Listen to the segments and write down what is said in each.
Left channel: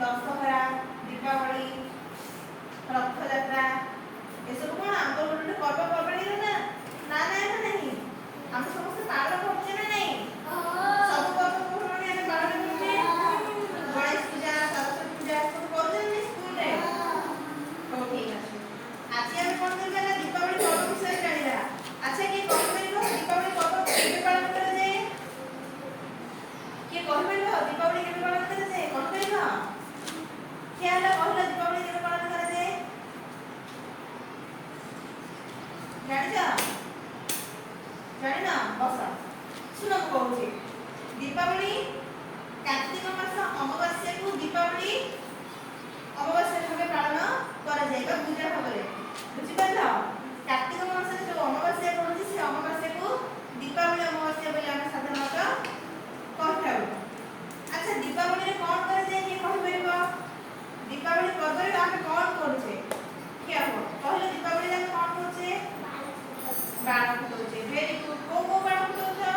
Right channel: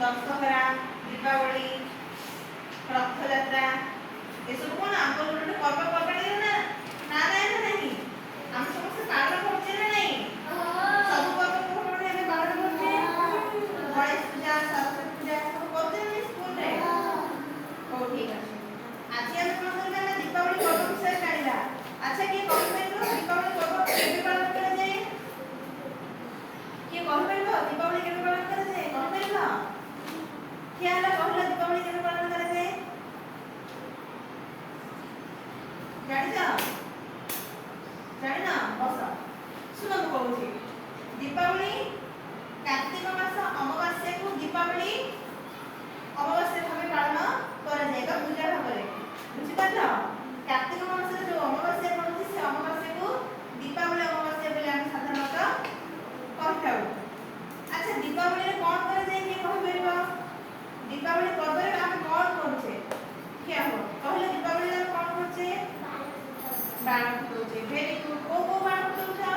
दशहरा दीपावली रथयात्रा एसबू कौन आम गोटे पर्वपर्वाणी ना ना नहीं आम समस्त पालन करते ना नहीं सब पर्वपर्वाणी आम पालन करते गणेश पूजा सरस्वती पूजा सब करते स्कूल रे हो ठीक है आज आम कौन करबा दीपावली पर्व विषय जानिबा अच्छा के कहि परिबो दीपावली पर्व केबे पालन करा जाए के कहि परिबो दीपावली केबे पालन करा जाए कहि परिबो क्या ला कहला दीपावली केबे पालन करा जाए जानि ना बस सुन कहूँ दीपावली कार्तिक मास अमावास्या को दीपावली अमावास्या भाव पालन करा पूजा भाव बुझिपार कार्तिक मास जो अमावास्या रोचे से अमावास्या को दीपावली अमावास्या बोले आम साधारणतः कहता अच्छा दीपावली कौन करा जाए किए कहि परिबो दीपावली पर्व रे आम कौन करूचे क्या हो कहले दीपावली रे कौन करूचे बाण फुटौचे वेरी गुड को बाण फुटौचा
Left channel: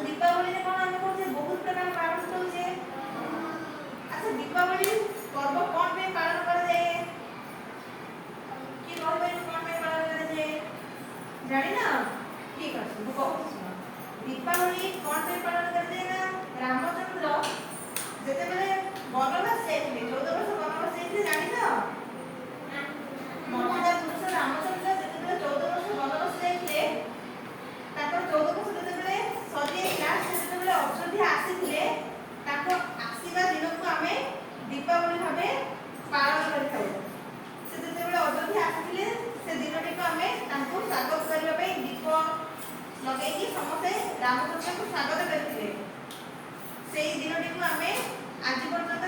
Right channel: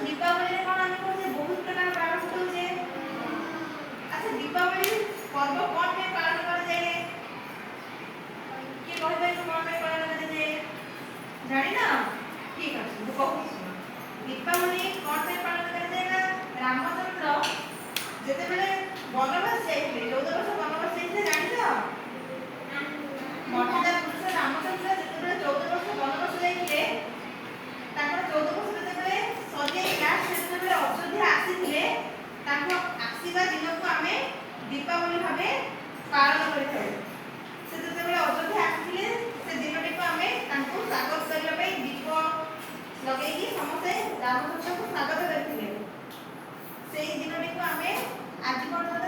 दीपावली रे कोन आमे कोसे बहुत प्रकार पालन करछे अच्छा दीपावली पर्व कोन पे पालन कर जाए कि कहबे कोन पे पालन कर जाए जानि ना ठीक है वो कहू दीपावली कोन पे पालन कर जाए ना रामचंद्र जेते बेले वनवास जाइले 14 वर्ष वनवास जाइले जानि ना मर्यादा पुरुष रामचंद्र जेते बेले 14 वर्ष वनवास जाइले तापर 14 वर्ष जेते बेले सजे क्लास जेते बेले अयोध्या आसीथिले ताको आसीबा दिन को आमे दीपावली भाबे पालन करिथाय से जेते बेले अयोध्या आसीथिले से दिनटी को आमे ताको स्वागत करबा पे दीप लगेकी समस्त रामचंद्र को स्वागत करथिले सेही दिनटी को आमे आज पर्यंत